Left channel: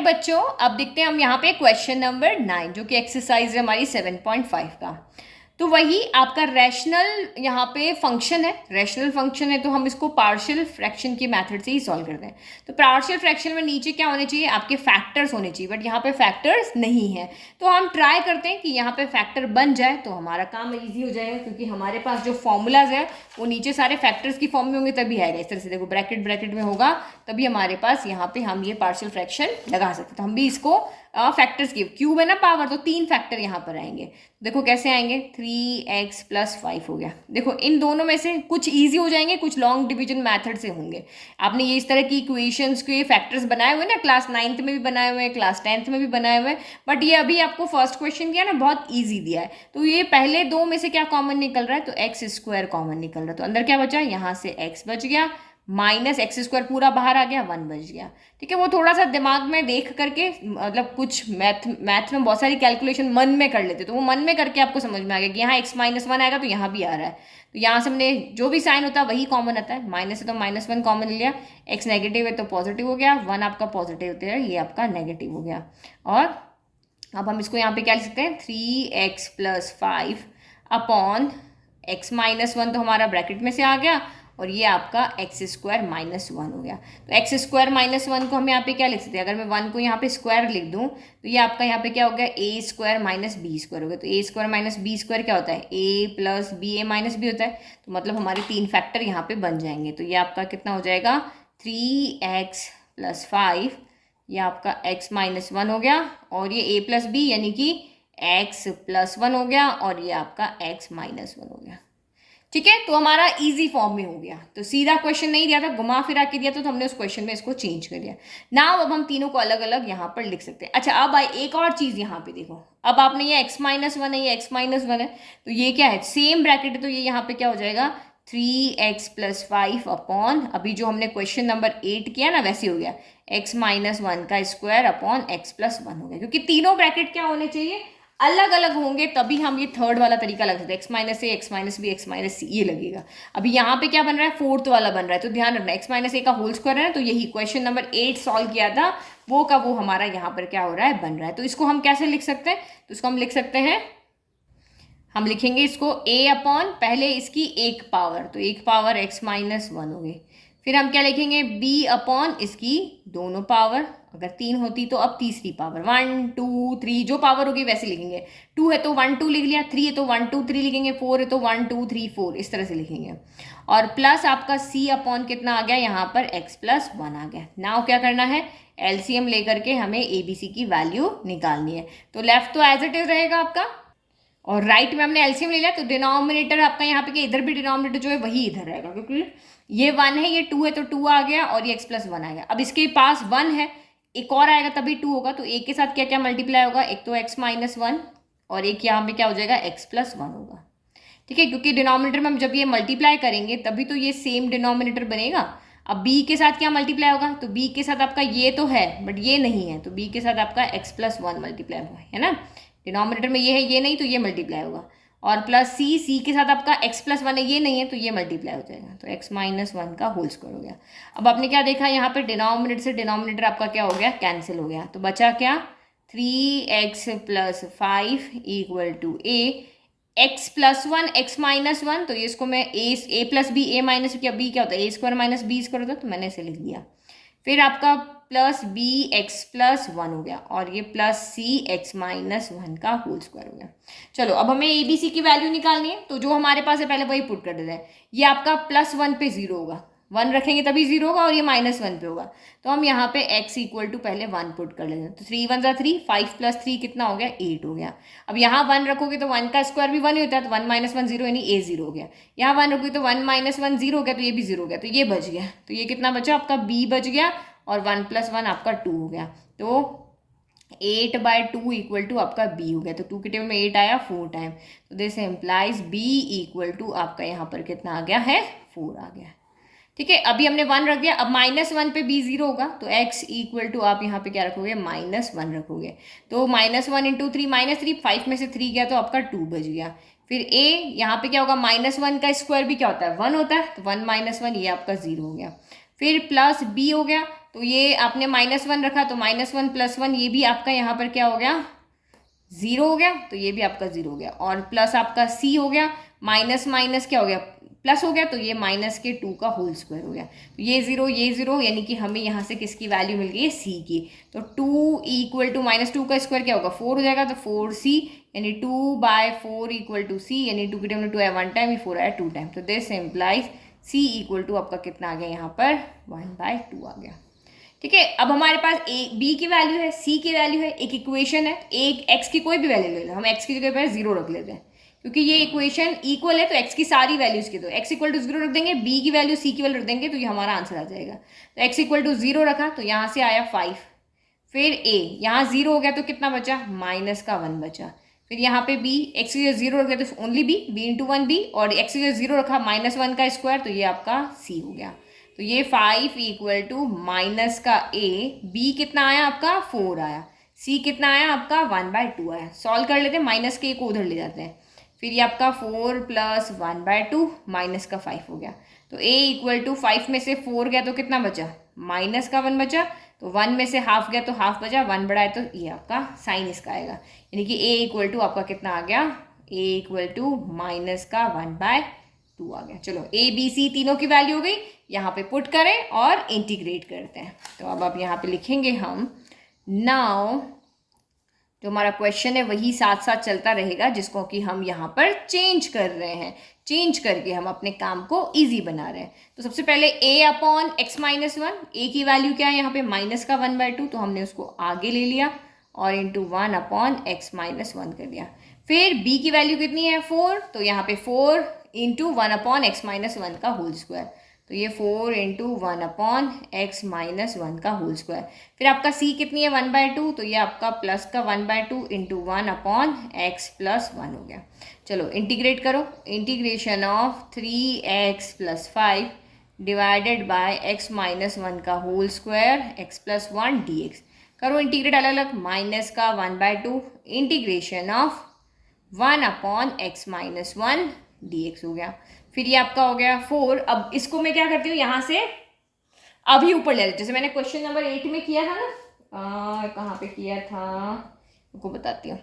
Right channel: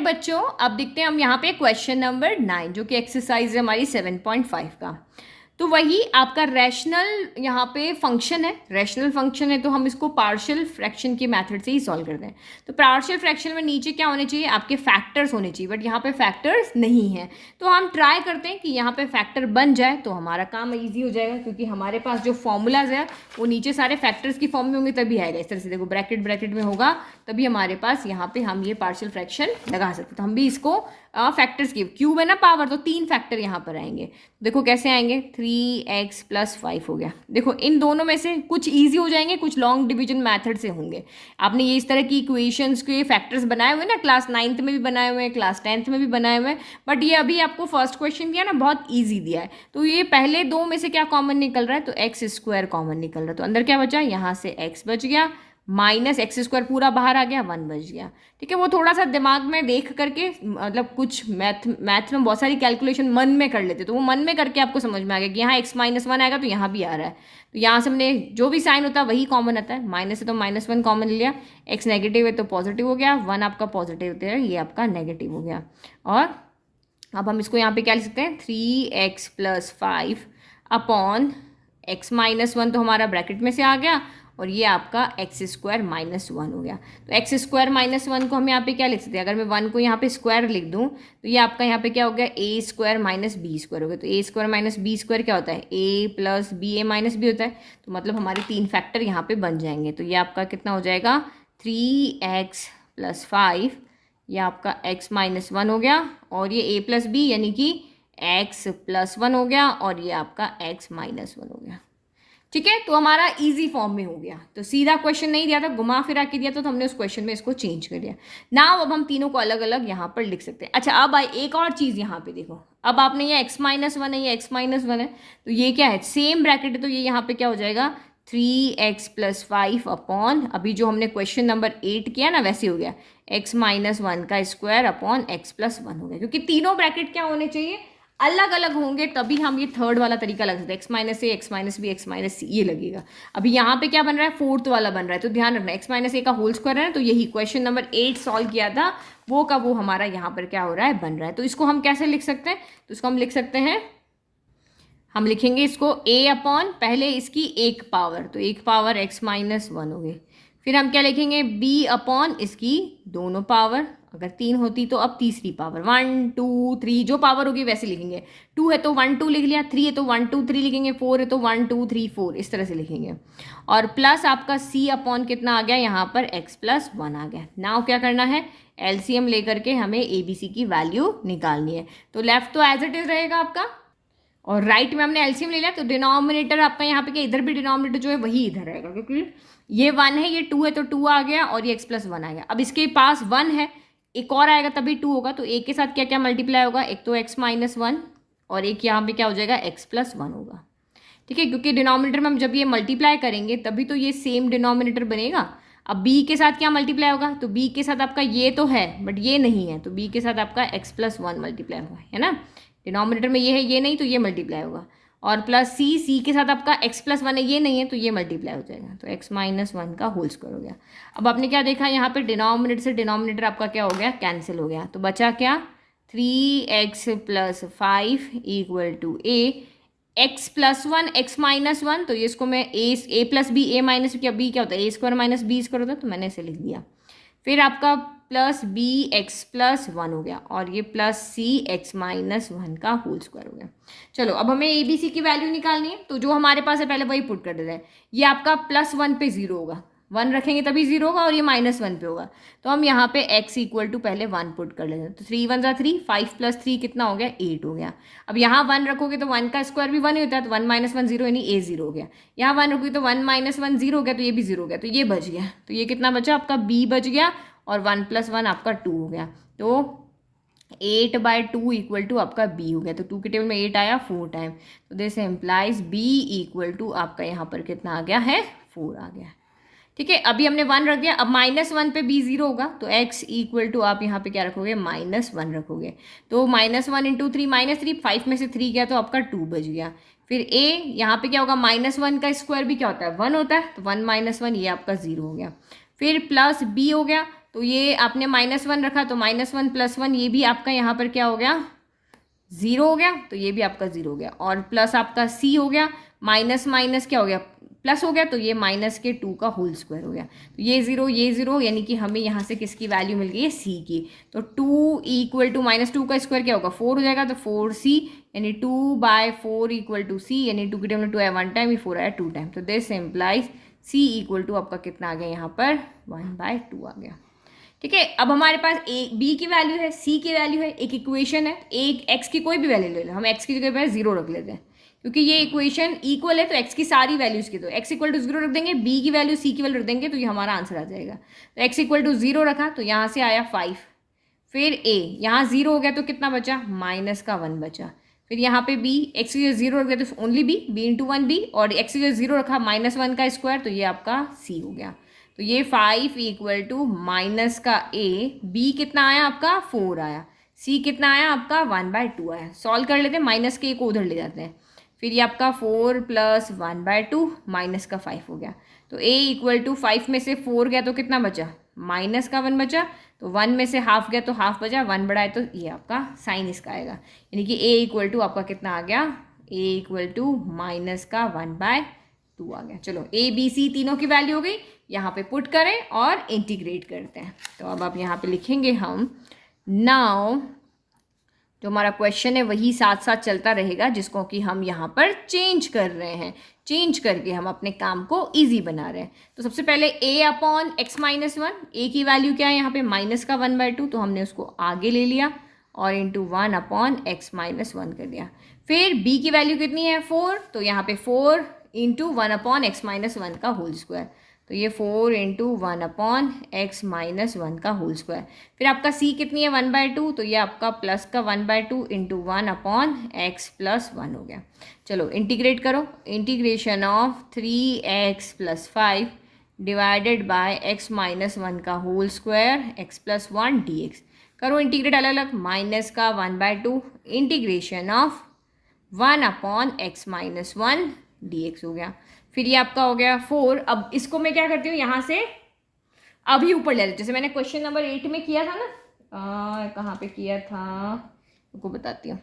Hello बच्चों, अब देखते हैं हम यहाँ पे क्वेश्चन नंबर 9 जो कि एक्सरसाइज है हमारी 7.5 का। तो वही आपका रैशनल यहाँ पे फंक्शन है, रैशनल फंक्शन है तो हम इसको पार्शियल फ्रैक्शन के मेथड से ही सॉल्व करते हैं। तो पार्शियल फ्रैक्शन में नीचे क्या होने चाहिए, आपके फैक्टर्स होने चाहिए, बट यहाँ पे फैक्टर्स नहीं है। तो हम ट्राई करते हैं कि यहाँ पे फैक्टर बन जाए तो हमारा काम ईजी हो जाएगा, क्योंकि हमारे पास जो फॉर्मूलाज है वो नीचे सारे फैक्टर्स की फॉर्म में होंगे तभी आएगा। इस तरह से देखो ब्रैकेट ब्रैकेट में होगा तभी हमारे पास यहाँ पे हम ये पार्शियल फ्रैक्शन लगा सकते हैं। तो हम भी इसको फैक्टर्स की क्यूब है ना पावर, तो 3 फैक्टर यहाँ पर आएंगे। देखो कैसे आएंगे, 3x + 5 हो गया। देखो इन दोनों में से कुछ इजी हो जाएंगे, कुछ लॉन्ग डिवीजन मेथड से होंगे। आपने ये इस तरह की इक्वेशंस के फैक्टर्स बनाए हुए ना, क्लास 9th में भी बनाए हुए हैं, क्लास 10th में भी बनाए हुए हैं, बट ये अभी आपको फर्स्ट क्वेश्चन दिया ना, बहुत ईजी दिया है। तो ये पहले दो में से क्या कॉमन निकल रहा है, तो x² कॉमन निकल रहा है। तो अंदर क्या बचा, यहाँ से x बच गया, माइनस x² पूरा बाहर आ गया, 1 बच गया। ठीक है, वो थोड़ा सा दिमाग में देख करके, मतलब कुछ मैथ में बहुत सारी कैलकुलेशन मन में कर लेते, तो वो मन में करके आपको समझ में आ गया कि यहाँ x-1 आएगा तो यहाँ भी आ रहा है। तो यहाँ से हमने जो भी साइन होता है वही कॉमन आता है, माइनस है तो -1 कॉमन लिया, x नेगेटिव है तो पॉजिटिव हो गया, 1 आपका पॉजिटिव होता है, ये आपका नेगेटिव हो गया। और अब हम इसको यहाँ पे क्या लिख सकते हैं, 3x + 5 अपॉन x-1 तो हमारा ब्रैकेट में से आ गया, और ये आपका x² - 1 हो गया। तो x² - 1 को हम यहाँ पे क्या लिख सकते हैं, अगर मैं 1 को यहाँ पे स्क्वायर लिख दूँ तो ये आपका यहाँ पे क्या हो गया, a² - b² हो गया। तो a² - b² क्या होता है, a + b a - b होता है। तो मतलब हमारे 3 फैक्टर यहाँ पे बन जाएंगे। तो ये आपका कितना हो जाएगा, 3x + 5, ये आपका x - 1 हो गया, और ये a + b यानी कि x + 1 हो गया, और ये आपका x - 1 हो गया। ठीक है, तो हमारा इजी फॉर्म में हो गया। तो सीधा क्वेश्चन नहीं दिया था, घुमा फिरा के दिया, तो हमने उस क्वेश्चन में इसको चेंज कर दिया। नाउ अब हम तीनों को अलग अलग यहाँ पर लिख सकते हैं। अच्छा, अब एक और चीज यहाँ पे देखो, अब आपने ये x - 1 है, ये x - 1 है, तो ये क्या है, सेम ब्रैकेट है, तो ये यहाँ पे क्या हो जाएगा, 3x + 5 अपॉन, अभी जो हमने क्वेश्चन नंबर 8 किया ना वैसे हो गया, x - 1 का स्क्वायर अपॉन x + 1 हो गया। क्योंकि तीनों ब्रैकेट क्या होने चाहिए, अलग अलग होंगे, तभी हम ये थर्ड वाला तरीका लगा सकते हैं, x - a, x - b, x - c ये लगेगा। अभी यहाँ पे क्या बन रहा है, फोर्थ वाला बन रहा है, तो ध्यान रखना x - a का होल स्क्वायर है ना, तो यही क्वेश्चन नंबर 8 सॉल्व किया था वो का वो हमारा यहाँ पर क्या हो रहा है, बन रहा है। तो इसको हम कैसे लिख सकते हैं, तो इसको हम लिख सकते हैं, हम लिखेंगे इसको a अपॉन, पहले इसकी एक पावर, तो एक पावर x - 1 हो गई। फिर हम क्या लिखेंगे, b अपॉन इसकी दोनों पावर, अगर 3 होती तो अब तीसरी पावर, 1 2 3 जो पावर होगी वैसे लिखेंगे। 2 है तो 1 2 लिख लिया, 3 है तो 1 2 3 लिखेंगे, 4 है तो 1 2 3 4 इस तरह से लिखेंगे। और प्लस आपका c अपॉन कितना आ गया, यहाँ पर x + 1 आ गया। नाउ क्या करना है, एलसीएम लेकर के हमें एबीसी की वैल्यू निकालनी है। तो लेफ्ट तो एज इट इज रहेगा आपका, और राइट में हमने एलसीएम ले लिया, तो डिनोमिनेटर आपका यहाँ पे क्या, इधर भी डिनोमिनेटर जो है वही इधर रहेगा, क्योंकि ये 1 है, ये 2 है तो 2 आ गया, और ये x + 1 आ गया। अब इसके पास 1 है, एक और आएगा तभी 2 होगा, तो एक के साथ क्या क्या मल्टीप्लाई होगा, एक तो x - 1 और एक यहाँ पे क्या हो जाएगा, x + 1 होगा। ठीक है, क्योंकि डिनोमिनेटर में हम जब ये मल्टीप्लाई करेंगे तभी तो ये सेम डिनोमिनेटर बनेगा। अब b के साथ क्या मल्टीप्लाई होगा, तो b के साथ आपका ये तो है बट ये नहीं है, तो b के साथ आपका x + 1 मल्टीप्लाई होगा, है ना। डिनोमिनेटर में ये है, ये नहीं, तो ये मल्टीप्लाई होगा। और प्लस c के साथ आपका x + 1 है, ये नहीं है, तो ये मल्टीप्लाई हो जाएगा, तो x - 1 का होल स्क्वायर हो गया। अब आपने क्या देखा, यहाँ पे डिनोमिनेटर से डिनोमिनेटर आपका क्या हो गया, कैंसिल हो गया। तो बचा क्या, 3x + 5 = a, x + 1 x - 1, तो ये इसको मैं a + b a - क्या, b क्या होता है, a² - b² होता है, तो मैंने इसे लिख दिया। फिर आपका प्लस b x + 1 हो गया, और ये प्लस c x - 1 का होल स्क्वायर हो गया। चलो अब हमें ए बी सी की वैल्यू निकालनी है, तो जो हमारे पास है पहले वही पुट कर देते हैं। ये आपका +1 पे 0 होगा, 1 रखेंगे तभी 0 होगा, और ये -1 पे होगा, तो हम यहाँ पे x = पहले 1 पुट कर लेते हैं। तो 3 1 3, 5 + 3 कितना हो गया, 8 हो गया। अब यहाँ 1 रखोगे तो 1 का स्क्वायर भी 1 ही होता है, तो 1 - 1 0 यानी a 0 हो गया। यहाँ 1 रखोगे तो 1 - 1 0 हो गया, तो ये भी 0 हो गया, तो ये बच गया। तो ये कितना बचा आपका, b बच गया, और 1 + 1 आपका 2 हो गया। तो 8/2 = आपका b हो गया। तो 2 के टेबल में 8 आया 4 टाइम, तो दिस इम्प्लाइज b = आपका यहाँ पर कितना आ गया है, 4 आ गया। ठीक है, अभी हमने 1 रख दिया, अब -1 पे b 0 होगा, तो x = आप यहाँ पे क्या रखोगे, -1 रखोगे। तो -1 × 3 -3, 5 में से 3 गया तो आपका 2 बच गया। फिर a यहाँ पे क्या होगा, -1 का स्क्वायर भी क्या होता है, 1 होता है, तो 1 - 1 ये आपका 0 हो गया। फिर प्लस b हो गया, तो ये आपने -1 रखा तो -1 + 1 ये भी आपका यहाँ पर क्या हो गया, 0 हो गया, तो ये भी आपका 0 हो गया। और प्लस आपका c हो गया, माइनस माइनस क्या हो गया, प्लस हो गया, तो ये -2 का होल स्क्वायर हो गया। तो ये 0 यानी कि हमें यहाँ से किसकी वैल्यू मिल गई है, c की। तो 2 = -2 का स्क्वायर क्या होगा, 4 हो जाएगा, तो 4c यानी 2/4 = c, यानी 2 की टाइम में 2 आया 1 टाइम, 4 आया 2 टाइम। तो दिस इम्प्लाइज c = आपका कितना आ गया यहाँ पर, 1/2 आ गया। ठीक है, अब हमारे पास ए बी की वैल्यू है, सी की वैल्यू है, एक इक्वेशन है, एक एक्स की कोई भी वैल्यू ले लो, हम एक्स की जगह पर 0 रख लेते हैं क्योंकि ये इक्वेशन इक्वल है, तो एक्स की सारी वैल्यूज की, तो x = 0 रख देंगे, बी की वैल्यू सी की वैल्यू रख देंगे, तो ये हमारा आंसर आ जाएगा। तो x = 0 रखा तो यहाँ से आया 5, फिर a यहाँ 0 हो गया तो कितना बचा, -1 बचा। फिर यहाँ पे b, x की 0 रख दिया तो ओनली b, b × 1 b, और x की 0 रखा -1 का स्क्वायर, तो ये आपका c हो गया। तो ये 5 = -a, b कितना आया आपका 4 आया, c कितना आया आपका 1/2 आया। सॉल्व कर लेते हैं, माइनस के को उधर ले जाते हैं, फिर ये आपका 4 + 1/2 -5 हो गया। तो a = 5 में से 4 गया तो कितना बचा, -1 बचा, तो 1 में से हाफ गया तो हाफ बचा, 1 बड़ा है तो ये आपका साइन इसका आएगा, यानी कि a = आपका कितना आ गया, a = -1/2 आ गया। चलो a b c तीनों की वैल्यू हो गई, यहाँ पे पुट करें और इंटीग्रेट करते हैं। तो अब आप यहाँ पे लिखेंगे हम, नाउ जो हमारा क्वेश्चन है वही साथ साथ चलता रहेगा, जिसको कि हम यहाँ पर चेंज कर रहे हैं, चेंज करके हम अपने काम को इजी बना रहे हैं। तो सबसे पहले a/x - 1, a की वैल्यू क्या है यहाँ पे, -1/2, तो हमने उसको आगे ले लिया और इंटू 1/x - 1 कर दिया। फिर b की वैल्यू कितनी है, 4, तो यहाँ पे 4 × 1/x - 1 का होल स्क्वायर, तो ये 4 × 1/x - 1 का होल स्क्वायर। फिर आपका c कितनी है, 1/2, तो ये आपका प्लस का 1/2 × 1/x + 1 हो गया। चलो इंटीग्रेट करो, integration of 3x + 5 divided by x - 1 का होल स्क्वायर x + 1 dx। करो इंटीग्रेट अलग अलग, माइनस का 1/2 इंटीग्रेशन ऑफ 1/x - 1 dx हो गया। फिर ये आपका हो गया 4। अब इसको मैं क्या करती हूँ, यहाँ से अभी ऊपर ले लेती हूँ, जैसे मैंने क्वेश्चन नंबर 8 में किया था ना, कहाँ पे किया था आपको बताती हूँ,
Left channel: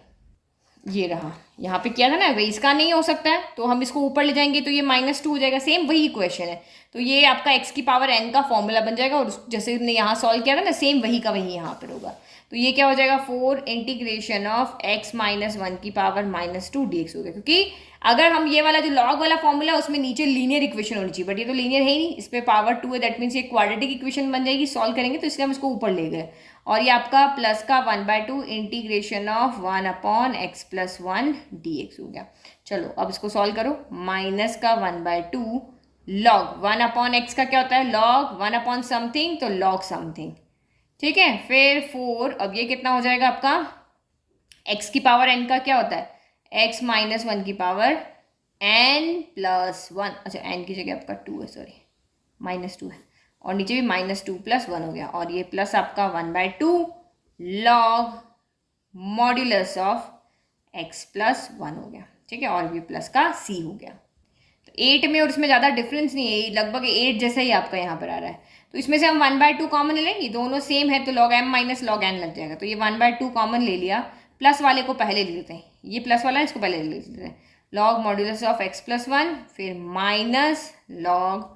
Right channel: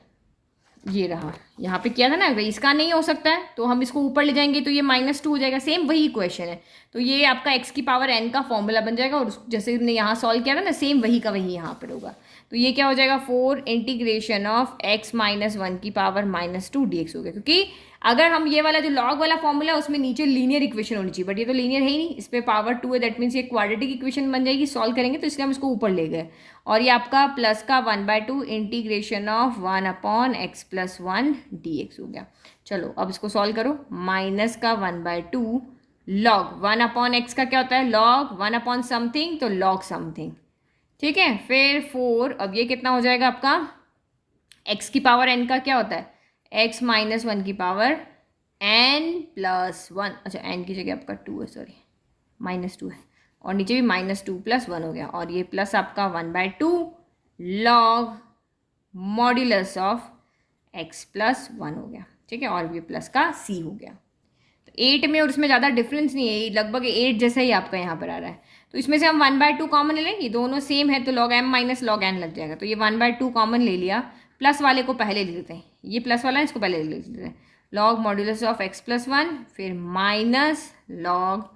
ये रहा, यहाँ पे किया था ना, वही इसका नहीं हो सकता है तो हम इसको ऊपर ले जाएंगे तो ये -2 हो जाएगा, सेम वही क्वेश्चन है, तो ये आपका x की पावर n का फॉर्मूला बन जाएगा, और जैसे हमने यहाँ सॉल्व किया था ना, सेम वही का वही यहाँ पर होगा। तो ये क्या हो जाएगा, 4 इंटीग्रेशन ऑफ x - 1 की पावर -2 dx हो गया, क्योंकि अगर हम ये वाला जो लॉग वाला फॉर्मूला है उसमें नीचे लीनियर इक्वेशन होनी चाहिए, बट ये तो लीनियर है ही नहीं, इस पर पावर 2 है, दैट मीन्स ये क्वाड्रेटिक इक्वेशन बन जाएगी, सॉल्व करेंगे तो इसलिए हम इसको ऊपर ले गए। और ये आपका प्लस का 1/2 इंटीग्रेशन ऑफ 1/x + 1 dx हो गया। चलो अब इसको सॉल्व करो, माइनस का 1/2 लॉग 1/x का क्या होता है, लॉग 1 समथिंग, तो लॉग समथिंग, ठीक है। फिर 4, अब ये कितना हो जाएगा आपका, x की पावर n का क्या होता है, x - 1 की पावर n + 1, अच्छा n की जगह आपका 2 है, सॉरी -2 है, और नीचे भी -2 + 1 हो गया, और ये प्लस आपका 1/2 लॉग मॉड्यूलस ऑफ x + 1 हो गया, ठीक है, और ये प्लस का c हो गया। तो 8 में और इसमें ज़्यादा डिफरेंस नहीं है, लगभग 8 जैसा ही आपका यहाँ पर आ रहा है। तो इसमें से हम 1/2 कॉमन ले लें, ये दोनों सेम है तो log m - log n लग जाएगा, तो ये 1/2 कॉमन ले लिया, प्लस वाले को पहले ले लेते हैं, ये प्लस वाला है इसको पहले ले लेते हैं, लॉग मॉड्यूलस ऑफ x + 1, फिर minus log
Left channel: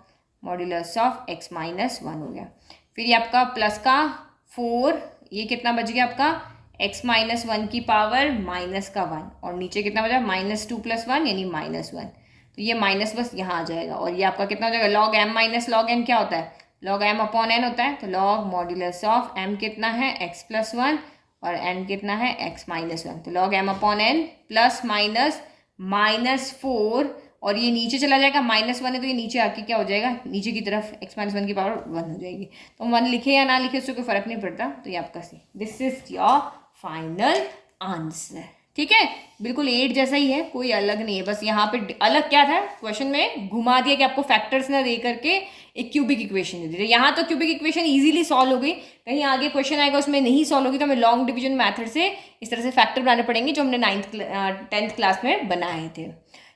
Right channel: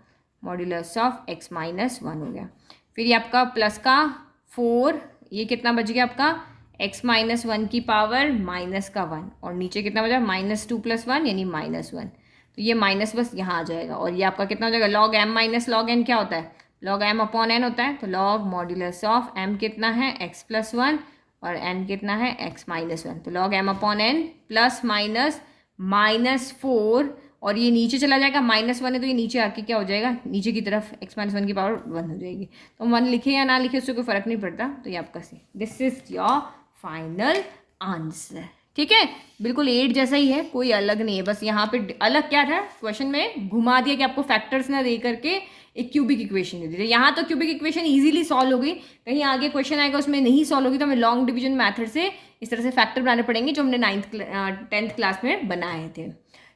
modulus of x - 1 हो गया। फिर ये आपका प्लस का 4, ये कितना बच गया आपका, x - 1 की पावर माइनस का 1, और नीचे कितना बचा, -2 + 1 यानी -1, तो ये माइनस बस यहाँ आ जाएगा, और ये आपका कितना हो जाएगा, log m - log n क्या होता है, log m/n होता है, तो log मॉड्यूलस ऑफ m कितना है, x + 1, और n कितना है, x - 1, तो log m/n प्लस माइनस -4, और ये नीचे चला जाएगा, -1 है तो ये नीचे आके क्या हो जाएगा, नीचे की तरफ x - 1 की पावर 1 हो जाएगी। तो 1 लिखे या ना लिखे उससे कोई फर्क नहीं पड़ता, तो ये आपका see, this is your final answer, ठीक है, बिल्कुल 8 जैसा ही है, कोई अलग नहीं है, बस यहाँ पे अलग क्या था, क्वेश्चन में घुमा दिया कि आपको फैक्टर्स ना दे करके एक क्यूबिक इक्वेशन दे दी, यहाँ तो क्यूबिक इक्वेशन इजीली सॉल्व हो गई, कहीं आगे क्वेश्चन आएगा उसमें नहीं सॉल्व होगी तो हमें लॉन्ग डिवीजन मैथड से इस तरह से फैक्टर बनाने पड़ेंगे जो हमने 10th क्लास में बनाए थे,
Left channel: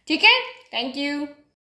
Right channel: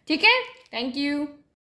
ठीक है। Thank you.